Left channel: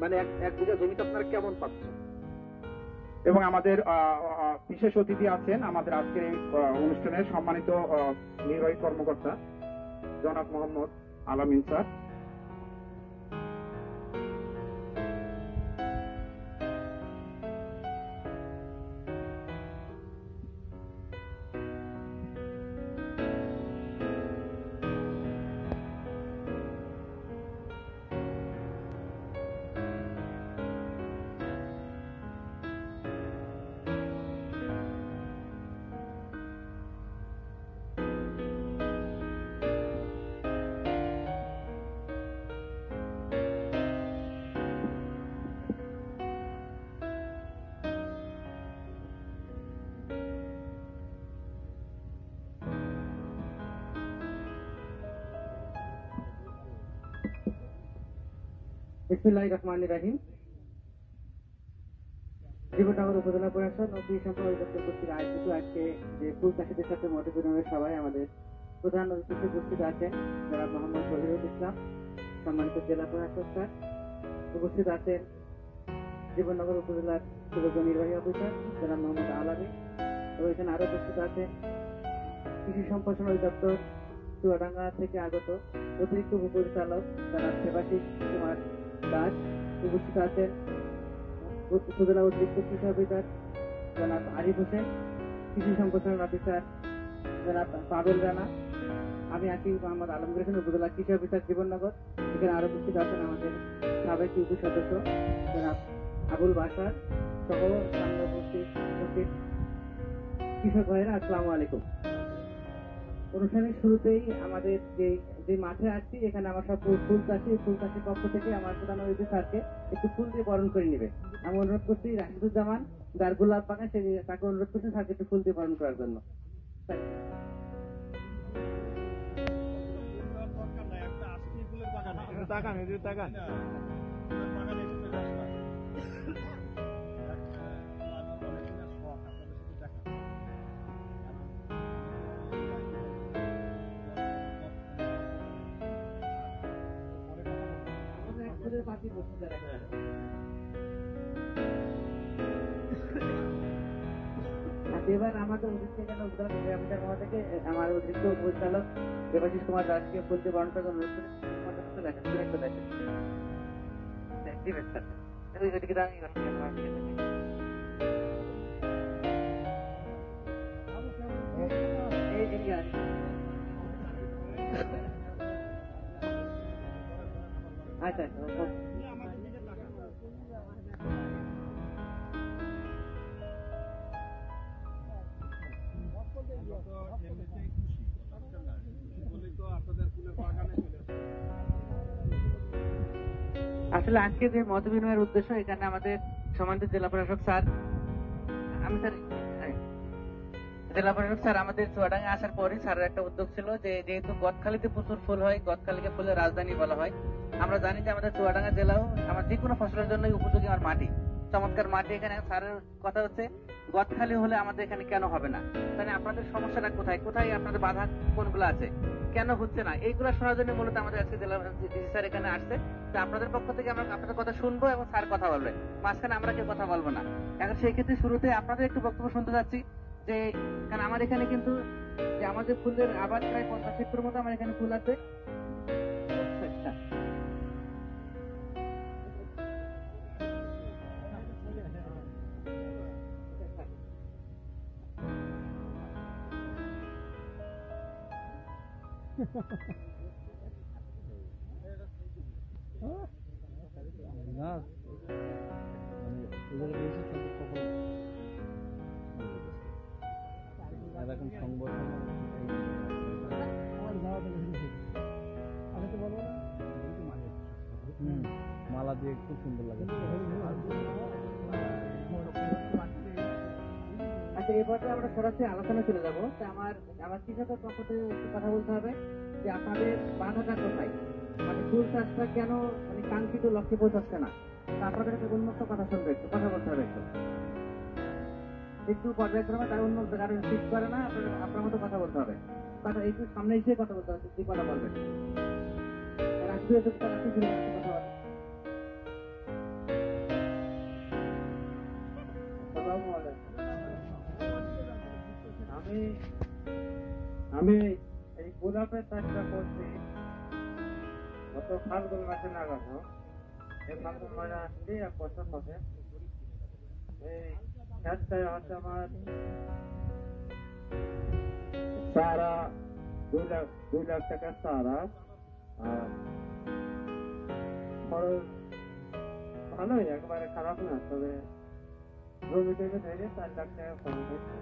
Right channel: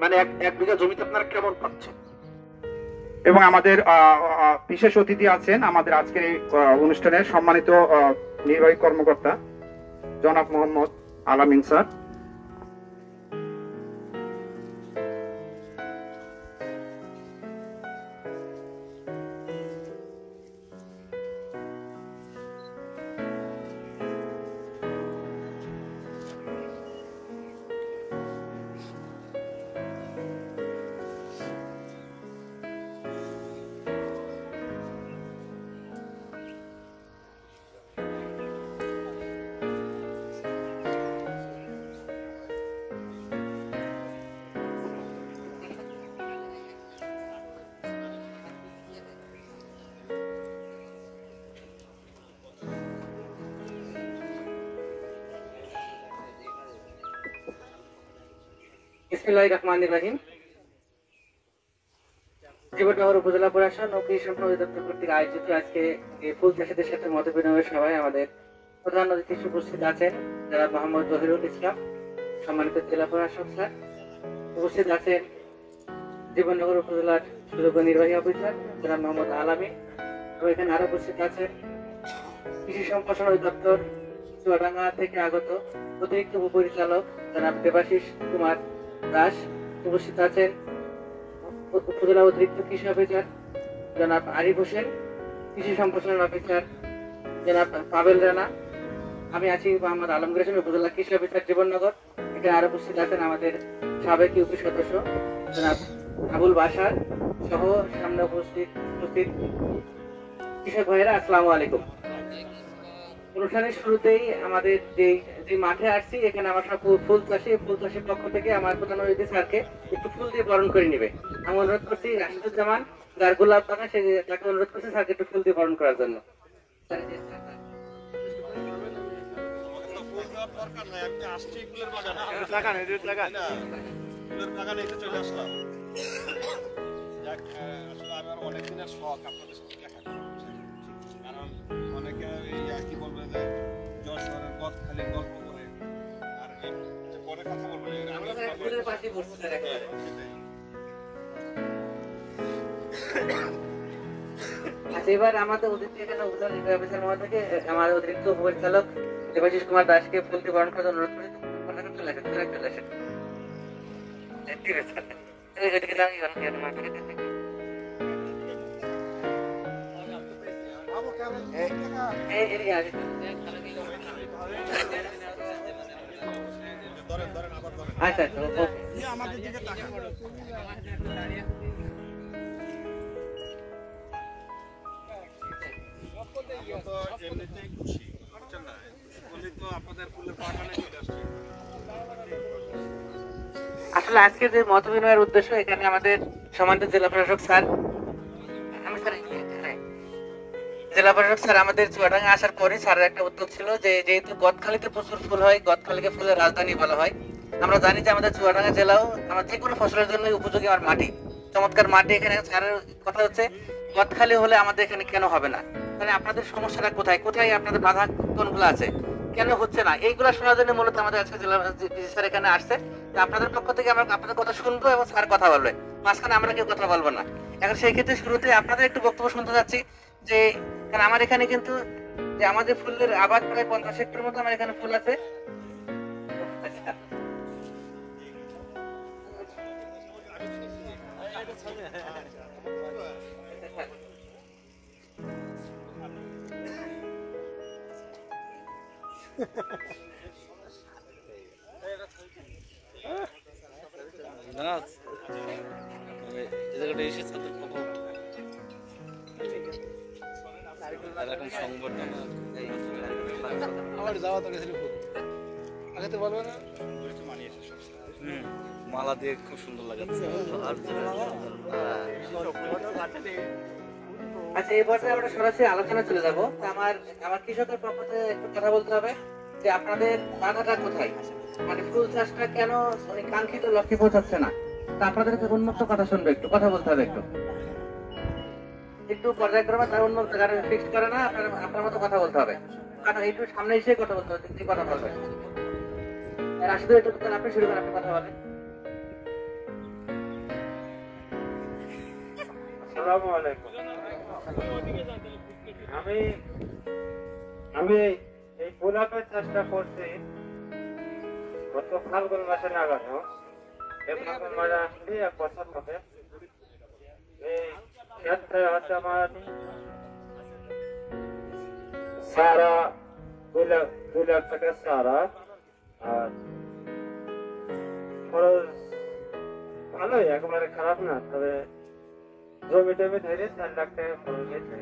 মানে এক বিঘা জমিতে আপনারা কেমন পাচ্ছেন? এবং আমাদের বিশেষ অতিথি আছেন আমাদের আজকের এই অনুষ্ঠানের সম্মানিত নির্বাহী কর্মকর্তা জনাব মোহাম্মদ আলামিন স্যার। বিসমিল্লাহির রহমানির রহিম। জীবননগর উপজেলা প্রশাসন ও কৃষি সম্পদ অধিদপ্তর কর্তৃক আয়োজিত আজকে ফুল চাষিদের সাথে মত বিনিময় সভায় আমাদের প্রধান অতিথি উপস্থিত আছেন যারা মোহাম্মদ জহিরুল ইসলাম, সম্মানিত জেলা প্রশাসক স্যার। উপস্থিত আছেন জীবননগর উপজেলার সুযোগ্য নির্বাহী অফিসার যারা মোহাম্মদ আলামিন, এবং এখানে আরো উপস্থিত আছেন কৃষি সম্প্রসারণ অধিদপ্তর চুয়াডাঙ্গা থেকে আগত অতিরিক্ত উপপরিচালক যারা দেবাশিস কুমার দাস। উপস্থিত আছেন উপজেলা অতিরিক্ত কৃষি অফিসার জনাব আরিফ হোসেন, কৃষি সম্প্রসারণ অফিসার জনাব পাবেল রানা। আমি আছি মোহাম্মদ আলমগীর হোসেন, উপজেলা কৃষি অফিসার জীবননগর। এখানে আরো উপস্থিত আছেন আমাদের সাবেক ইউপি সদস্য জনাব আবুল বাসার সহ সামনে উপস্থিত কৃষক ভাইয়েরা, আসসালামু আলাইকুম। অনুষ্ঠানের শুরুতেই আমাদের যে মাঠে আসছি এখানে আমার সব ফুল চাষির পক্ষ থেকে আমার প্রধান অতিথি স্যারকে একটু ফুল দিয়ে বরণ করে নিবে। আমি অনুরোধ করছি রাশিদুজ্জামান যার গোলাপ বাগান তাকে অনুরোধ করছি স্যারকে একটু ফুল দিয়ে বরণ করার জন্য। অনেকদিনের শখ আপনাদের সাথে দেখা করা, কারণ অনেকে এই আর কি বলবে যে যশোরের গদখালির গল্প করে, আর পরে কথা বলবে এবার আমাদের অতিথি এখানে উপজেলা নির্বাহী অফিসার মহোদয়কে আমাদের অতিরিক্ত উপপরিচালক দেবাশিস কুমার দাসকে ফুল দিয়ে বরণ করার অনুরোধ করে চলে আসেন, চলে আসেন। ঠিক আছে, আচ্ছা আমাদের দিকে তাকান। এমনিতেই খুশি বুঝছেন না, খুশি তো আপনাদের ফুলের বাগানে চলে আসছে। আসলে আজকে যে মত বিনিময়ের উদ্দেশ্য এখানে আমাদের সম্মানিত জেলা প্রশাসক স্যার, জেলা প্রশাসক স্যার আমাদের চুয়াডাঙ্গা আসার পরে স্যারের একটা উদ্যোগ ছিল যে যেহেতু গদখালিতে প্রচুর ফুল হয়, গদখালিকে ফুলের রাজধানী বলা হয়। আমরা জানি যে আমাদের চুয়াডাঙ্গা জেলাও আমার যে কোনো ফসলের জন্য উপযোগী আমার মাটি, চমৎকার মাটি। এখানে স্যারের কথা হচ্ছে গদখালি হলে আমাদের এখানে কেন হবে না, তাহলে আপনাদের সমস্যাটা কোথায় কোথায় আপনাদের বাধা কোনগুলো আছে, কেন হচ্ছে না, এইগুলো শোনার জন্য মূলত আমাদের আজকে জেলা স্যার এখানে আসছে। আপনাদের পক্ষ থেকে আমরা আপনাদের কথা শুনবো এবং স্যার কথা বলবে, মাঝখানে আমরা কেউ কথা বলবো না। এখন সেই ক্ষেত্রে শুরুতে আপনাদের একটু বক্তব্য শুনতে যাচ্ছি যে আমার এখানে কিন্তু যে আমাদের ফুলের আবাদ প্রায় 50 হেক্টর মতো আমার এখানে ফুল আছে। না মানে এই জায়গাটা এসে তাদের কত এরকম সংবর্ধনা আমার যাওয়া তো গেছিল খুব আগে তো বলবো না, মালা দিয়ে খুব সুন্দর লাগাচ্ছে। আচ্ছা, এই পর্যায়ে আমরা সরাসরি আলোচনা চলে যাবো। আমার কৃষকের পক্ষ থেকে একটু কথা বলতে হবে যে আপনাদের বাধাটা কোথায়, মানে ফুল চাষটা কেন কাঙ্ক্ষিত লক্ষ্যে পৌঁছাচ্ছে না, তা আপনাদেরকে উন্মুক্ত কথা শুনবে, একটু কথা বলতে হবে, একটু পর্যায়ক্রমে তার উন্মুক্ত যারা ফিক্সড করে না আপনার মতো কথা বলতে হবে, কথা একটু সামনে এসে কথা বলতে হবে, যে কথা বলবেন। রাশিদুল একটু আপনি শুরু করেন, আপনি কথা বলেন। আসসালামু আলাইকুম। আমি এই গোলাপের চাষটা করছি গত ফাল্গুন মাসে লাগানো। এই ফাল্গুন মাসে আসলে 1 বছর হবে। এই ক্ষেত্রে হচ্ছে আমার সারা 2 লাখ টাকা সারা, আর খরচ ভালোই, একেবারে খারাপ না। তবে জমি টমি ধরে 4 লাখ টাকা খরচ হয়েছে।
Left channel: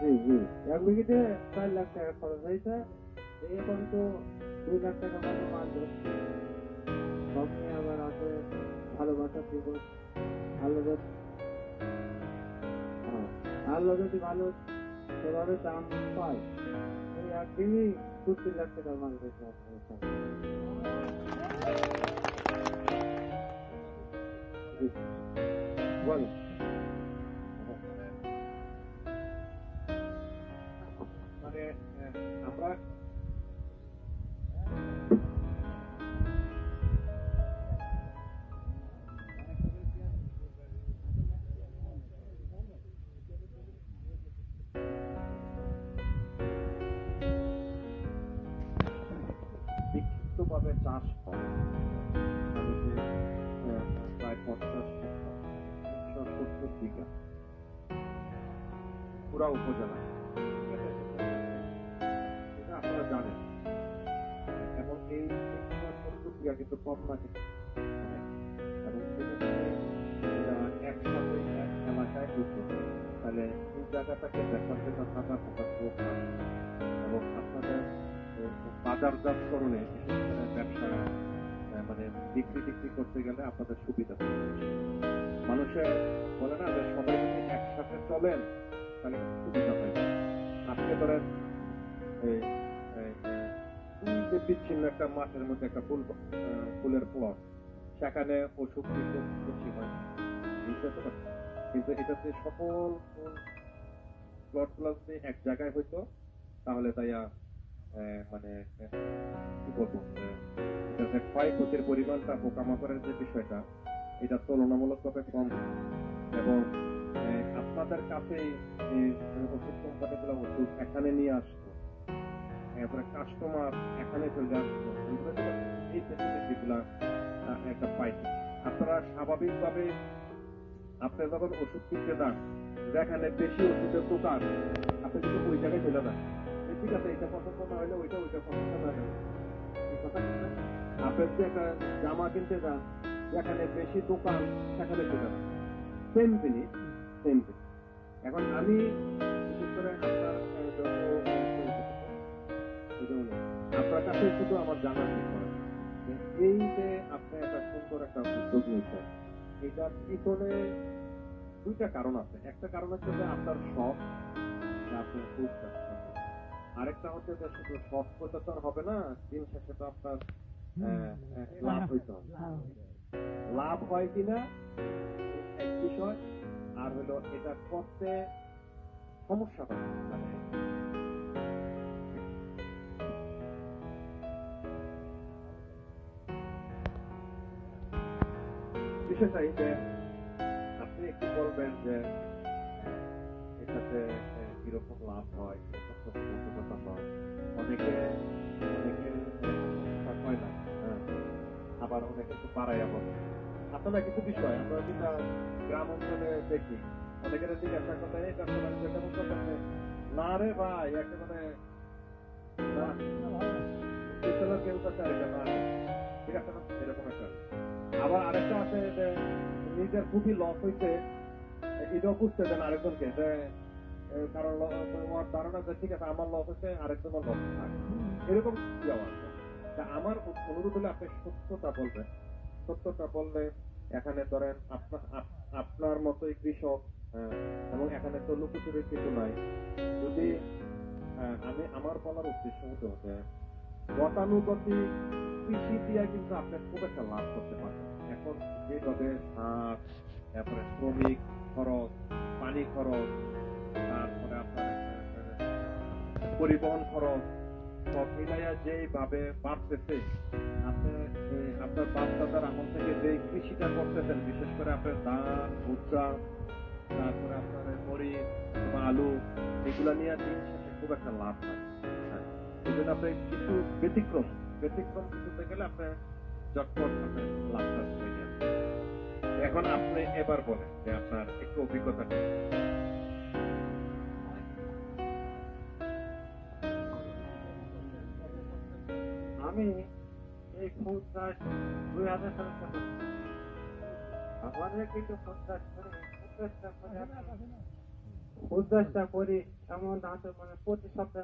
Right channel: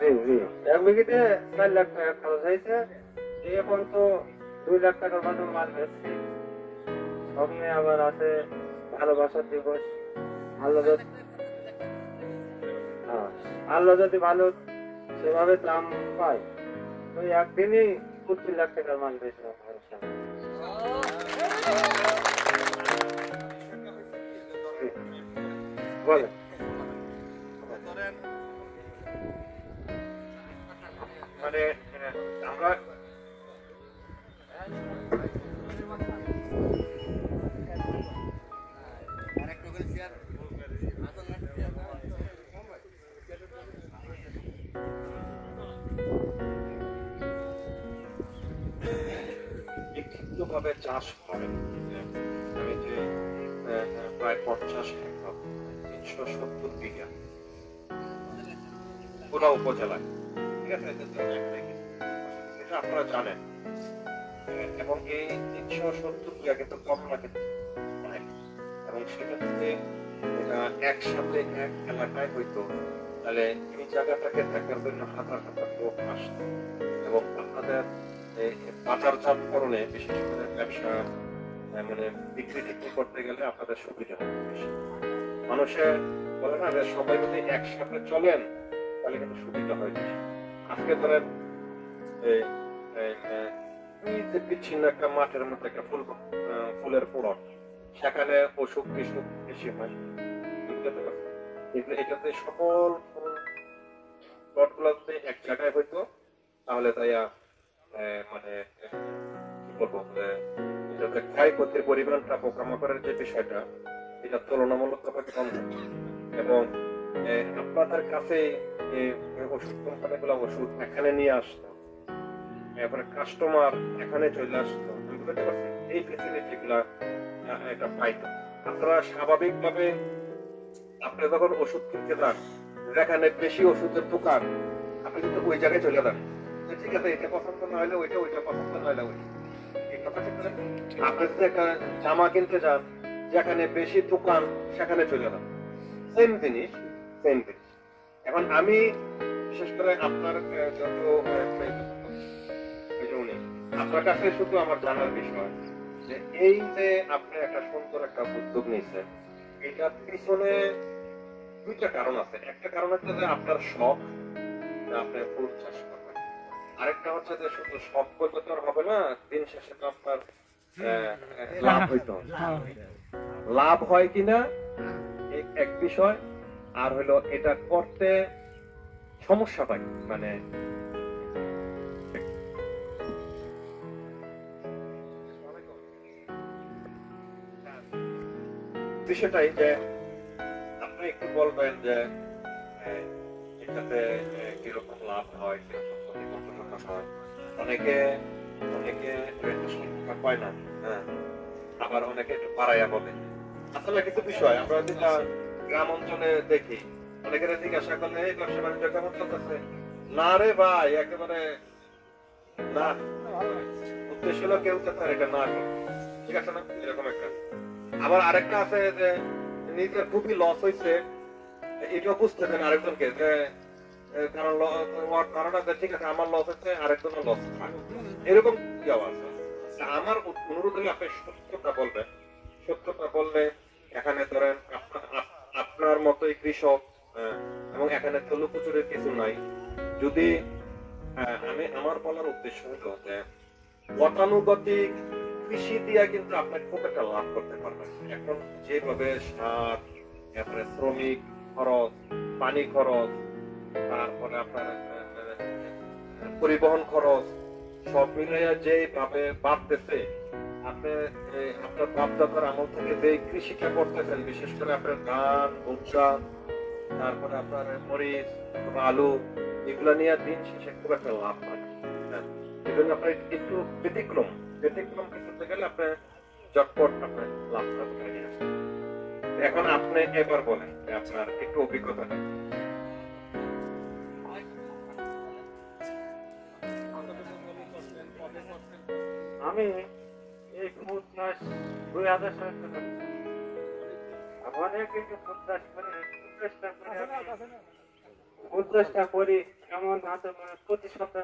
জি জি, 1 বিঘিতে 4 লাখ টাকা খরচ হয়েছে। এখন তো 2 লাখ টাকার মতো মাল বেচছি। সামনে আবার আছে ভালোবাসার দিবস। আল্লাহ যদি ভালো সেভাবে দাম পায় তো একদিনই 2 লাখ টাকার মাল বেচলাম। বলেন। ধরেন মানে আমরা বিক্ষিপ্তভাবে চাষ করেন। আমি যে প্রায় 50 হেক্টর 370 বিঘা পুরা উপজেলায়, ঠিক আছে, এটা আপনারা জানেন। এবং এই 370 বিঘা কিন্তু কম না, কিন্তু এবং সেটা থেকে এটা একসাথে এক এলাকায় হইতো, তাহলে এই জায়গাটাকে দেখার জন্য হাজার হাজার লোক আসত। এবং আপনাদের বাজারজাতকরণে, বিশেষ করে ব্যবসা মানে বিক্রি টিক্রি করতে গেলে আপনাদের সুবিধা হবে বেশি। মানুষের বলে না যে সবাই যদি একসাথে চলেন তাহলে কিন্তু সুবিধা হয় বেশি। আজকে ধরেন এই যে বিচ্ছিন্ন একটা মাঠের মধ্যে একটা ফুলের প্লট, সেখানে অসুখ বিসুখ বেশি হয়, কিন্তু এটাতে সকল প্লট গুলো যদি এক জায়গায় হইতো তাহলে তাইয়া মানে কি বলবো, এটাতে ক্ষয়ক্ষতির পরিমাণটা, পোকামাকড়ের যে বিষয়টা, এটা তুলনামূলকভাবে কম হয়। এবং আপনাদের কাছে ওষুধ কোম্পানিগুলো ওষুধ এখানে নিয়ে আসতো, এরপরে কাস্টমার এখানে চলে আসতো, এই ফেসিলিটি গুলা একটা পাইতো। আপনারা স্বাভাবিকভাবে আপনি যখন ওষুধ কিনতে যান, যেখানে বেশি ওষুধের দোকান, আপনি কিন্তু ওই জায়গায় চলে যান, ঠিক আছে, এটা পছন্দ না হলে ওইটা, ওইটা পছন্দ না হলে ওইটা। আপনি যদি একটা জামা কিনতে যান, যেখানে বেশি দোকান, সেখানে চলে যান, সেম জিনিস, সেম জিনিস। এখন আমি বিশেষ করে আপনার আপনার কাছে শুধু আমার জানার বিষয় যে এই যে আপনি একটা সুন্দর একটা উদ্যোগ নিয়েছেন, এটার পিছনে 2টা কারণ আছে। একটা কারণ হচ্ছে যে আপনার শখ, আপনার ফুল চাষ করবেন। আরেকটা হচ্ছে যে শুধু শখ করতে তো হবে না, দিন শেষে তো আপনার লাভ হইতে হবে। লাভ হয় কিনা এক বিষয়, আর হলো এটা করতে সমস্যা পাই, মানে বিষয়টাই যে আপনি একটু বলবেন যে এটাতে কিরকম লাভ হয়, কিরকম কতটা হয়। অনেকে সংখ্যা পায় না, হ্যাঁ, আবার অনেকে একটু বাড়াইয়া বলে। আসলে কিছু বিষয় আমরা যেটা গ্রাম অঞ্চলে দেখি, অনেকের জিজ্ঞাসা করলে এই ব্যবসা বাণিজ্য কেমন চলতেছে, না রে ভাই, একেবারে না, উদ্দেশ্য হলো কেউ চাচ্ছে এটা না করে, ঠিক আছে না, এরকম একটা। আবার আরেকটা আছে যে নিজের খুবই লস হয়েছে, এটাও বুঝতে দেন আরেকজনকে, যে কারণ ধারণা ঠিক আছে আমার লস হচ্ছে, আরেকজনের লস হয়, এরকম ইয়ে আছে। আমার অনুরোধ হলে আপনি সত্যটা বলবেন। সত্যটা বললে এখানে ধরেন আপনার মতোই কৃষক, এবং এখানে তো লুকোচুরির কিছু নাই। যদি আমি আমার বলার উদ্দেশ্য হলো যে গতানুগতিক কৃষি দিয়া কিন্তু আপনি খুব একটা লাভ করতে পারবেন। এখন যেভাবে সার, এরপরে শ্রমিক খরচ, পানি খরচ, তারপরে আপনার পরিবহন খরচ, সব মিলাইয়া যেভাবে বাড়তেছে, আর আপনি আপনার বাপদাদার আমল থেকে যে কৃষিটা করতেছেন, বিশেষ করে আপনার ধান, ভুট্টা, তারপরে আপনার মরিচ, আলু, এগুলা নিয়ে দিন শেষে খুব একটা লাভ পায়। হ্যাঁ, এই জন্য আপনার একটু ব্যতিক্রম কিছুতে গেলে আপনি চটপট আপনার লাভ করে নিয়ে আসেন। এখন আপনি এবার বলেন যে আপনার একটু অভিজ্ঞতা নেই। আমি এই ফুল চাষ 2000 সালে শুরু করি। অনেক কিছু ফুল চাষ করে ফুল চাষটা করি এমন হাতে মানে প্রতি সপ্তাহে